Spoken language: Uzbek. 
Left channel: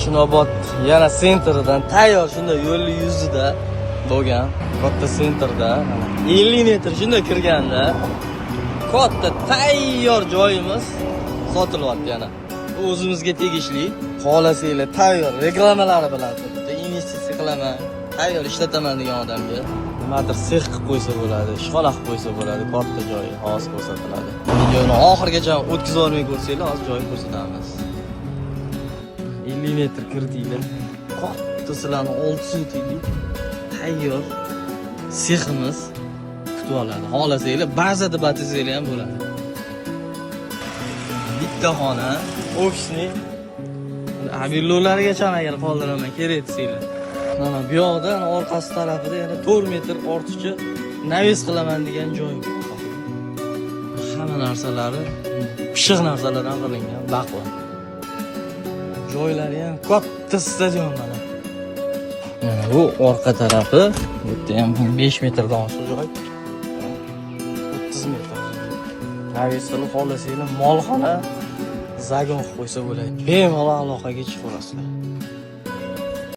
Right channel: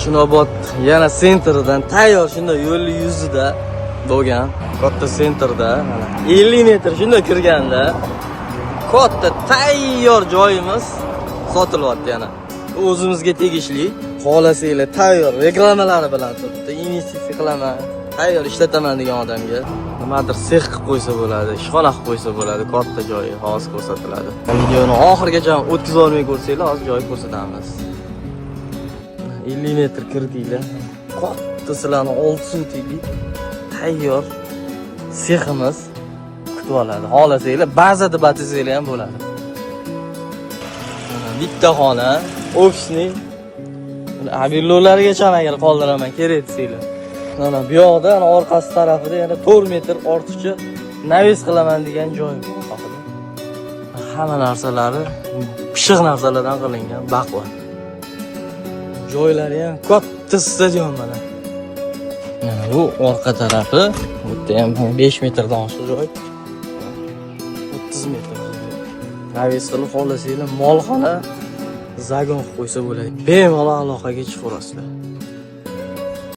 Chinobod yana sentrdan tayyor shunday yo'l yuzida bo'lgan. Katta sentrda 50 metr shunday kirganda katta tayyor joyimiz sotilyapti yana. O'zimizga tegishli. Xohlasanglar tayyor reklamalari bilan bitta investitsiya qilaman, tayyor ishlataman degan odamga nimadir sex qilib qo'ysa bo'ladi, ishxona qilib qo'ysa bo'ladi, katta joy hozir ko'rsatiladi. Videoni oxirigacha o'tkiza olmay ko'rsanglar, hozir joy ko'rsatamiz. 50 metr kirdinglar. Katta sizlarni 600 tiylik tayyor seximiz kutib oladi. Xohlasanglar ba'zida batizinglar ham bo'ladi. Bitta xona, ofisli abillolargacha agar qoldiraman kerak desanglar. Mana bu yoqda orqasi tarafida yana 4 metr ortiqcha navis qilaman degan joy bor. Hamma narsalari pishiq narsalardan qilingan, baquvvat. Joylari ham katta stadion mana. Bu orqa tarafi, bu ham 5 metrdan shu joy. 30 metr. Navis qilib xohlasanglar mol xona zagon qo'ysa bo'ladi. Bemalol aloqaga chiqib turasizlar.